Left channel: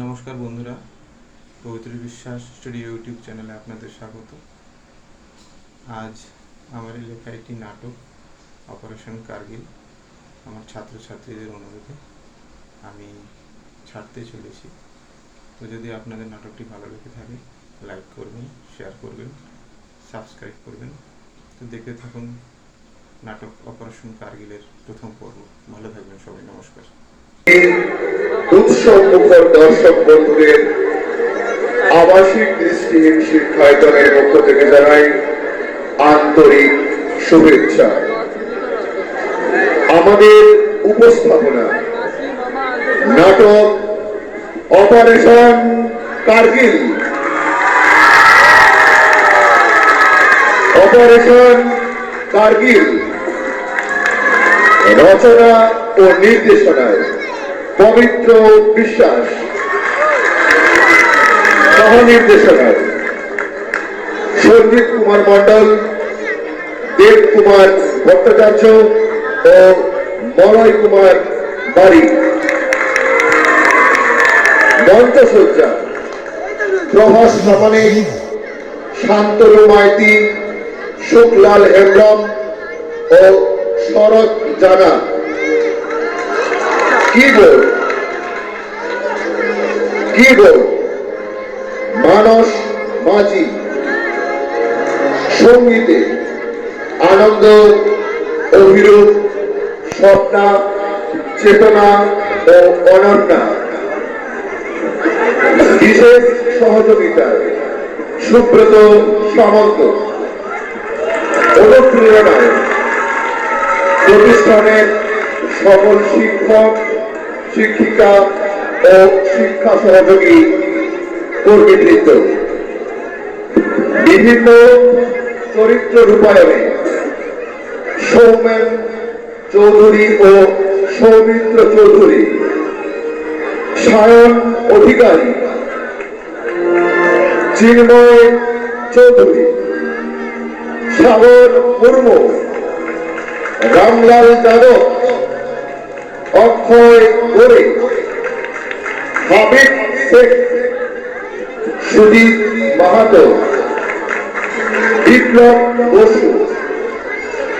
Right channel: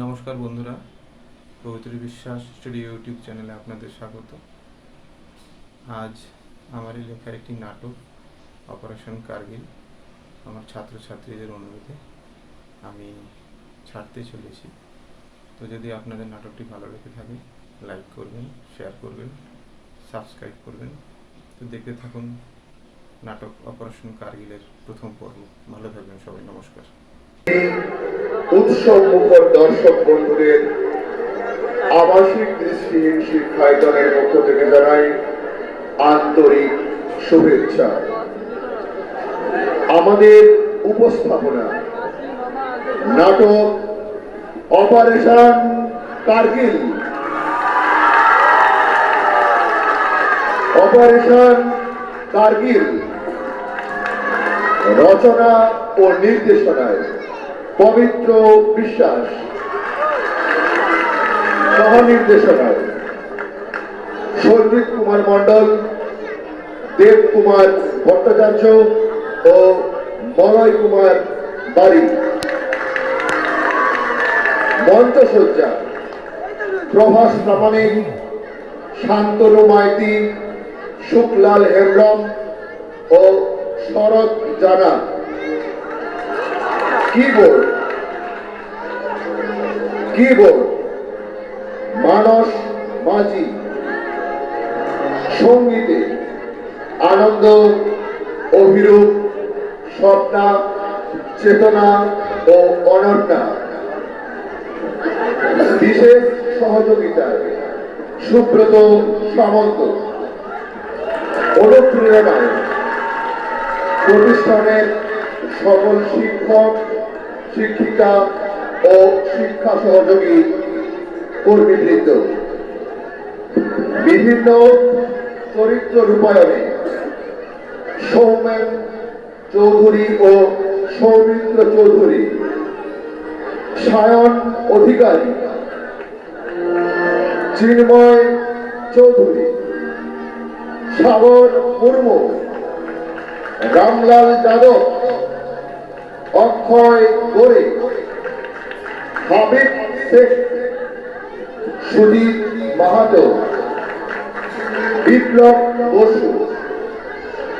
নমস্কার বন্ধুরা, পবিত্র বিশ্বাস স্টুডিও ইউটিউব চ্যানেলে আপনাদের স্বাগত। আজ আমারই লেখা একটি নাটক অপারেশন কার্গিল আমার ছাত্রছাত্রীদের অনুরোধে আমি ছাড়তে চলেছি। তো যদি আপনাদের নাটকটি ভালো লেগে থাকে, লাইক করবেন, শেয়ার করবেন, সাবস্ক্রাইব করবেন। তো দেখতে থাকুন নাটক অপারেশন কার্গিলের প্রথম পর্ব। ভালো থাকবেন সবাই, নমস্কার। আবাসিক দৃষ্টিহীন পক্ষ থেকে জানাই আন্তরিক শুভেচ্ছা। আমাদের উপস্থাপনা নাটক অপারেশন কার্গিল। অপারেশন কার্গিল। রচনা ও নির্দেশনায় পবিত্র বিশ্বাস। সহ নির্দেশনায় কুমার মন্ডল দেব কুমার ভট্টাচার্য ও মলয় কুমার বাড়ি। মঞ্চসজ্জা, প্রভাস প্রামাণিক শান্তনু মাইতি শুকলাল হেমব্রম ও শরৎ জানা। কিবোর্ড কিবোর্ড মানস মাঝি সঙ্গীতে আনন্দ অভিরূপ স্বপ্না, চেতনা ও অনন্যা। বিশেষ সহযোগিতায় সুব্রত সামন্ত। অনুপ্রেরণায় প্রতিষ্ঠানের সকল শিক্ষক শিক্ষিকা ও শিক্ষা সহযোগী কর্মীবৃন্দ বিভিন্ন চরিত্র রূপায়ণে সৌমেন চৌধুরী ও সৌমিত্র চৌধুরী সায়ন অধিকারী চিন্ময় চৌধুরী সাগর মুর্মু, রামলাল যাদব গোরে হাবিব শেখ সুদীপ মাহাতো, বিপ্লব বসু,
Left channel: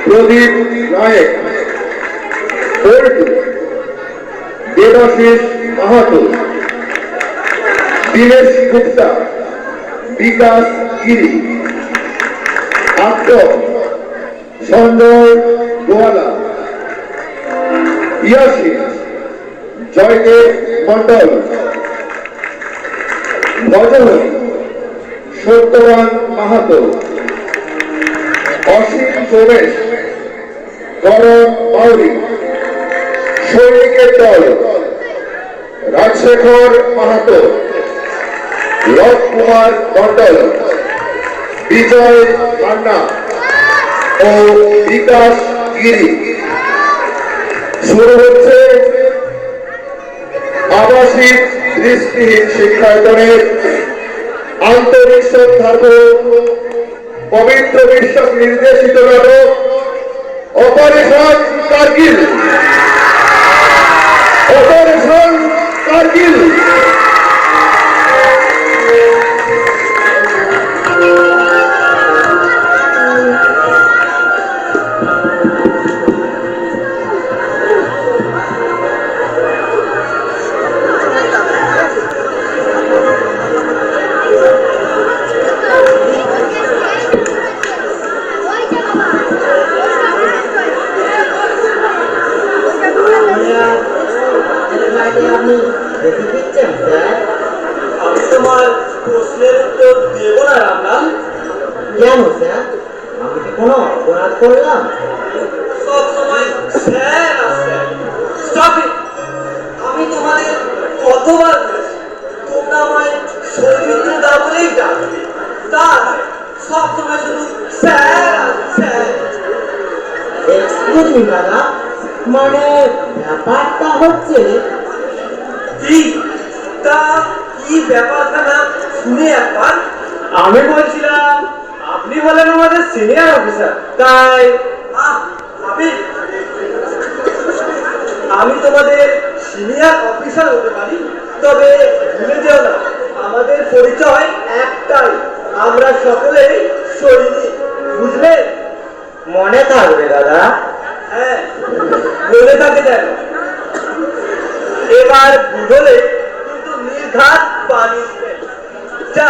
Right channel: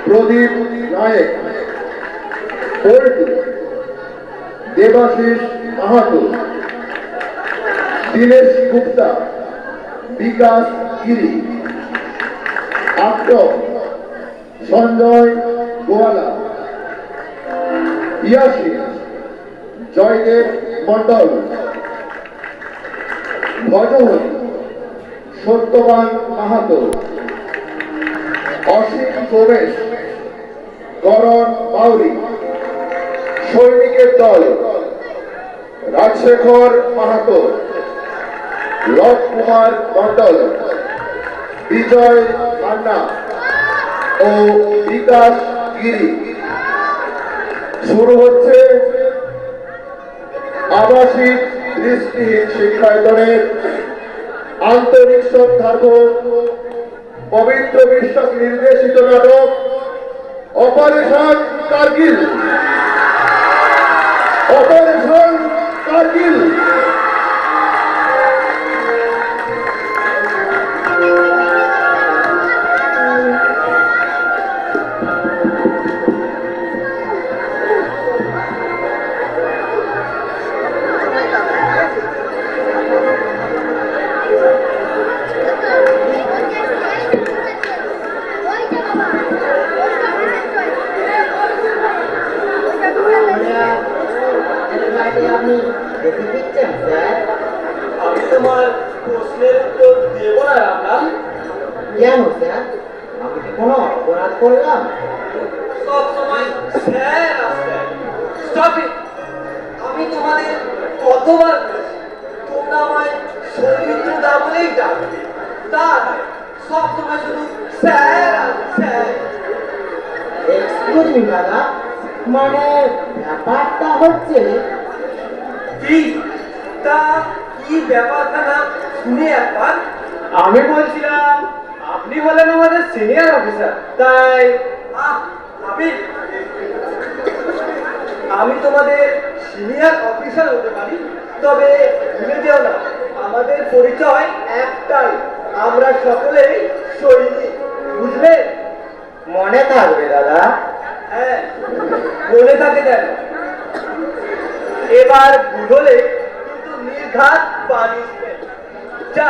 প্রদীপ নায়ক দেবাশিস মাহাতো, দীনেশ গুপ্তা, বিকাশ গিরি, আক্রম, সঞ্জয় গোয়ালা, ইয়াসিন জয়দেব মন্ডল ভজহরি সত্যবান মাহাতো। অসীম সোমেশ করণ মাউরি সৈনিকের দল রাজশেখর মাহাতো। লব কুমার মন্ডল বিজয় মান্না ও বিকাশ গিরি। শুরু হচ্ছে দৃষ্টিহীন শিক্ষায়তনের আন্তরিক শ্রদ্ধার্ঘ পবিত্র বিশ্ব নির্দেশিত নাটক অপারেশন কার্গিল। অপারেশন কার্গিল। মানে ব্যাপারটা হচ্ছে কি? তা কি ব্যাপারখানা শুনে একবার আমি বলছিলাম, আপনি বলেন আমাদের সিনিয়র অফিসার তাই আমি আমি তোমাদের সিনিয়র অফিসার হতে পারি, তবে ভুলে যেও না, আমাদের পরিচয় একটাই, আমরা সকলেই সৈনিক, বুঝলে? মনে থাকবে দাদা। হ্যাঁ মনে থাকে যেন। এবার বুঝলে কিন্তু নির্ঘাত পানিশমেন্ট যা,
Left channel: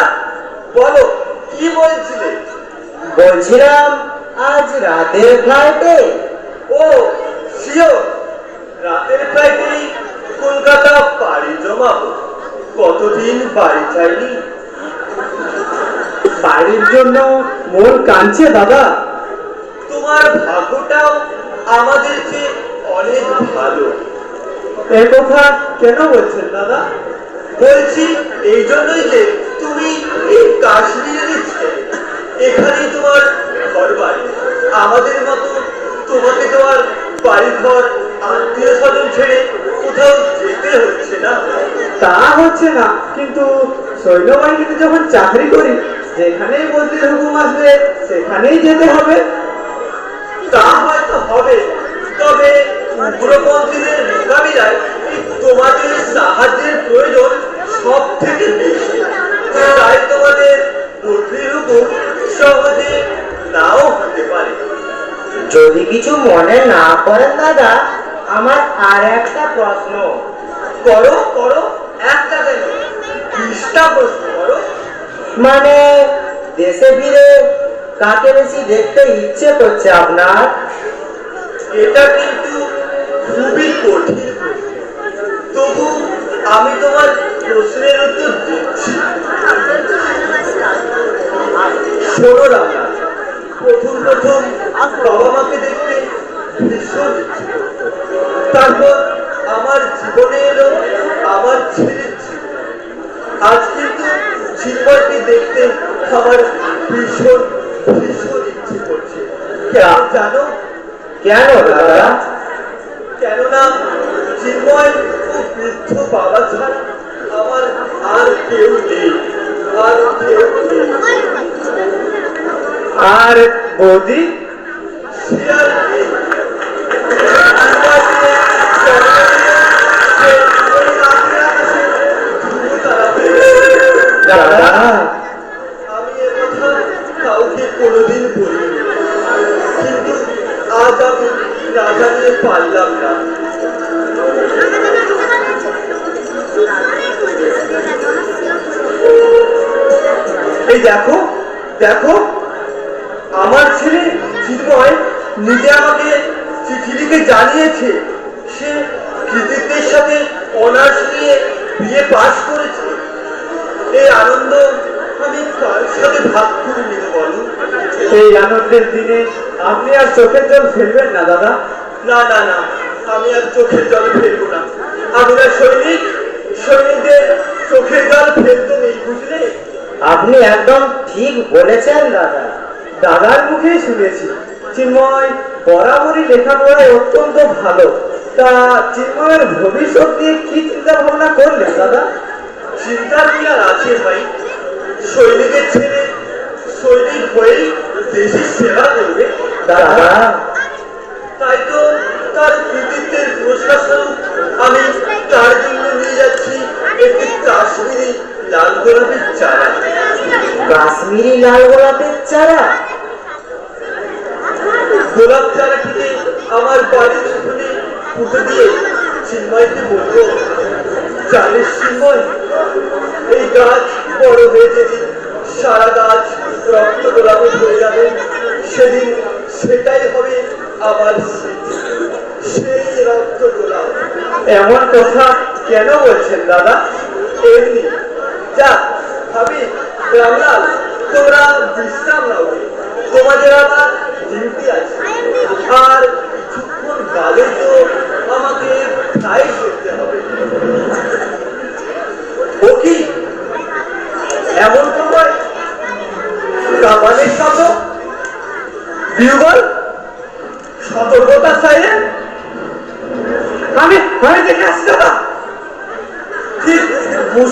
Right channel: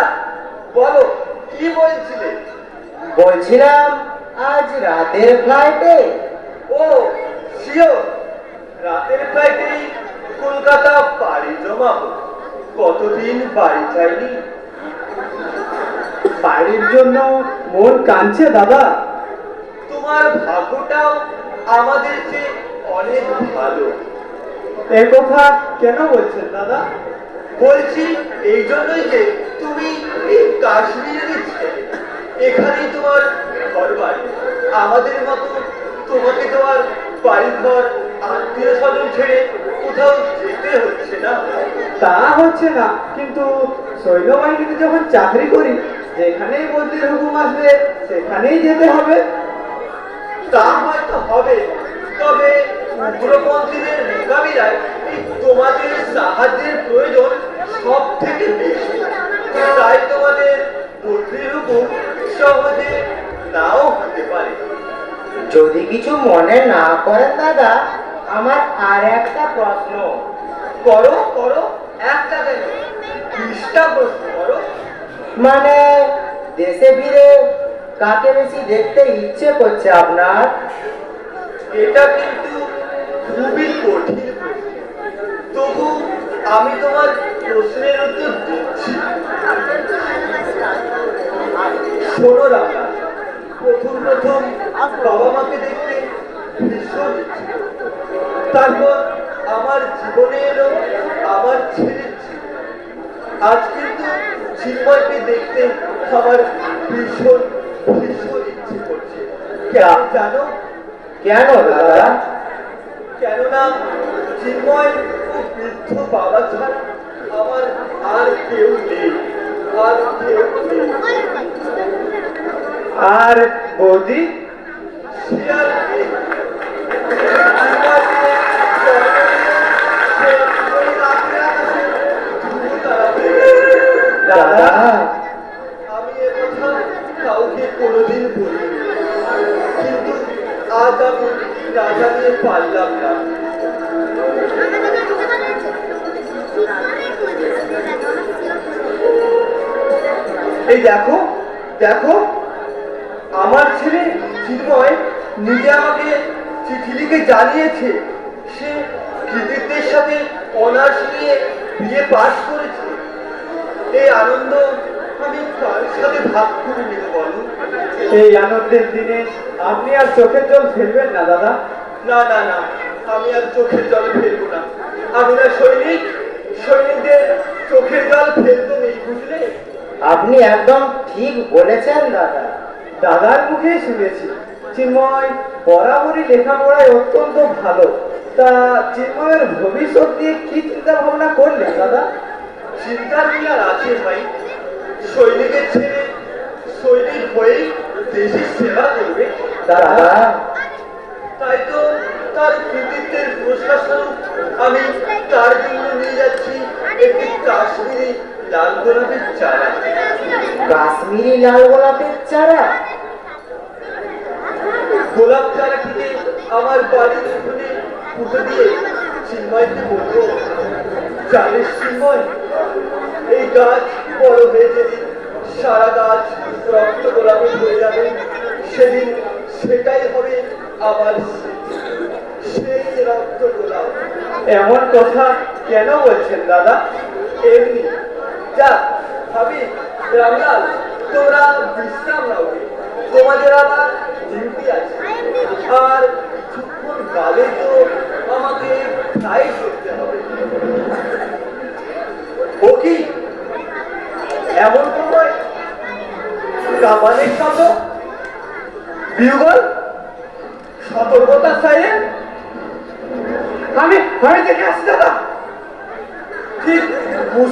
বলো, কি বলছিলে? বলছিলাম, আজ রাতের ফ্লাইটে ও শিওর রাতের ফ্লাইটেই কলকাতা পাড়ি জমাবো। কতদিন বাড়ি চাইনি বাড়ির জন্য মন কাঁদছে, দাদা। তোমার ভাগ্যটাও আমাদের চেয়ে অনেক ভালো। এ কথা কেন বলছেন দাদা? বলছি এই জন্যই যে তুমি এই কাশ্মীরের ছেলে এখানেই তোমার ঘর বাড়ি আমাদের মতো তোমাকে তোমার বাড়ি ঘর আত্মীয় স্বজন ছেড়ে কোথাও যেতে হচ্ছে না। তা হচ্ছে না কিন্তু সৈন্যবাহিনীতে যখন চাকরি করি যেখানেই বদলির হুকুম আসবে সেখানেই যেতে হবে। তা হবে। তবে উগ্রপন্থীদের মোকাবিলায় এই তোমাদের সাহায্যের প্রয়োজন সব থেকে বেশি। তাই তোমাদের বদলির সহজে নাও হতে পারে। যদি কিছু মনে না করেন দাদা আমার আর একটা প্রশ্ন। করো করো একটা কেন বিশটা প্রশ্ন করো। মানে দেশে ফিরে কাকে বেশি দেখতে ইচ্ছে করছে আপনার? এটা কিন্তু খুবই কঠিন তবু আমি তোমার প্রশ্নের উত্তর দিচ্ছি। শোনো রামা, প্রথম প্রথম বাবা মাকে দেখতে ভীষণ তারপর আমার জীবনে এলো আমার ছেলের আজ কিন্তু চিন্ময়কে দেখতে আমার ভীষণ ভীষণ ইচ্ছে করছে। জানো? কেন দাদা? কেননা চিন্ময় বৃদ্ধ বাবা ছাড়া আমার আর কেউ নেই আর কেউ নেই। আর বৌদি? না জানিয়ে পারলাম না এই দেখো দেখো, আমার ছেলে চিন্ময় নিজে আমাকে চিঠি লিখে জানিয়েছে। সে কৃতিত্বের সাথে অনার্স নিয়ে বিয়ে পাশ করেছে। এই আনন্দ আমি কার সাথে ভাগ করে নিতে বলো? এই আনন্দের দিনে আপনি আর চোখের জল ফেলবেন না দাদা। না না না আমি আর চোখের জল ফেলব না। আমি না সৈনিক সৈনিকদের চোখের জল ফেলতে নেই বুঝলে? আপনি একদম ঠিক বলেছেন দাদা। দাদার মুখেই শুনেছি চিন্ময় বরাবরই লেখাপড়ায় অত্যন্ত ভালো। তা চিন্ময়ের ভবিষ্যৎ নিয়ে কি চিন্তা ভাবনা করলেন দাদা? চিন্তা কি আর আছে ভাই? সৈনিকের ছেলে সৈনিক হয়েই দেশের সেবা করবে। দাদা, তাই তো তার কৃতিত্বের স্বরূপ আমি তার জন্য নিয়ে যাচ্ছি। একটি কাশ্মীরি লাল গোলাপের চারা। কাশ্মীরি লাল গোলাপের চারা গোলাপ চারাটিকে আমার বাড়ির উঠোনে পুঁতে দিয়ে চিন্ময়কে বলব জানিস চিন্ময় এই গাছ বড় হয়ে যেদিন সারা গাছ রক্ত গোলাপে হয়ে যাবে সেদিন সেটাই হবে এমন কথা কেন বলছেন দাদা? এমনি। যা, ভাবি রামলাল তোমরা বিশ্রাম নাও। তোমাদের আবার ডিউটি আছে। আর কিছুক্ষণ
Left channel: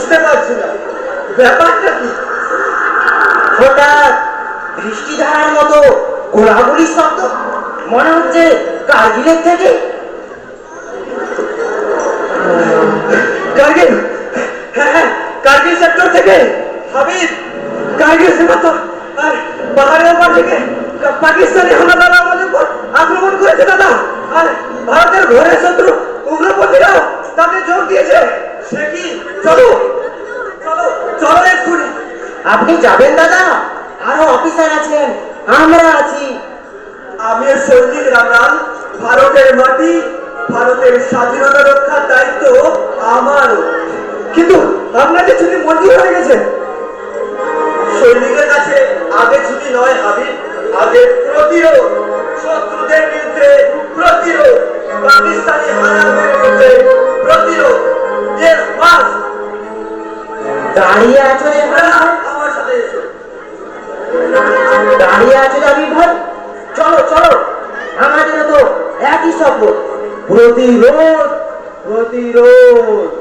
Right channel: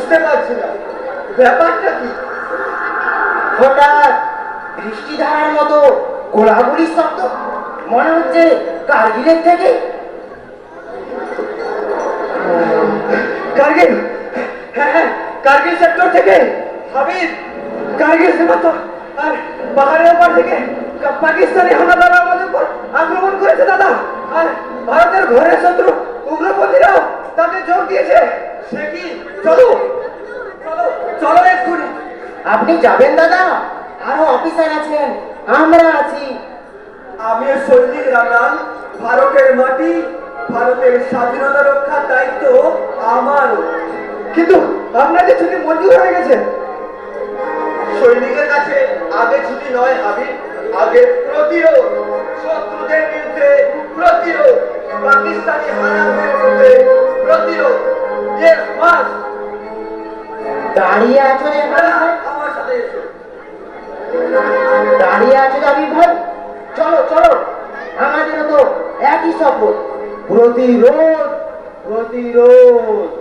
বুঝতে পারছি না। ব্যাপারটা কি? হঠাৎ বৃষ্টিধারার মতো গোলাগুলির শব্দ মনে হচ্ছে কার্গিলের থেকে? হ্যাঁ হ্যাঁ থেকে। হাবিব, কার্গিল সীমান্ত। আর পাহাড়ের ওপর থেকে পাকিস্তানি আমাদের উপর আক্রমণ করেছে দাদা। আর ভারতের ঘরে শত্রু আপনি যাবেন দাদা? আরও অফিসার আছেন। আমরা আছি। আমি সৈনিক রামরাম ভারতের মাটি ভারতের স্বাধীনতা রক্ষার দায়িত্ব আমারও কিন্তু আপনাদের ছুটি মন্দির হয়ে গেছে। সৈনিকের কাছে আগে ছুটি নয় হাবিব আগে প্রতিরোধ শত্রুদের বিরুদ্ধে প্রতিরোধ পাকিস্তানি হানাদের বিরুদ্ধে প্রতিরোধ। Yes, must! দাঁড়িয়ে আছো প্রতিরোধ প্রতিরোধ।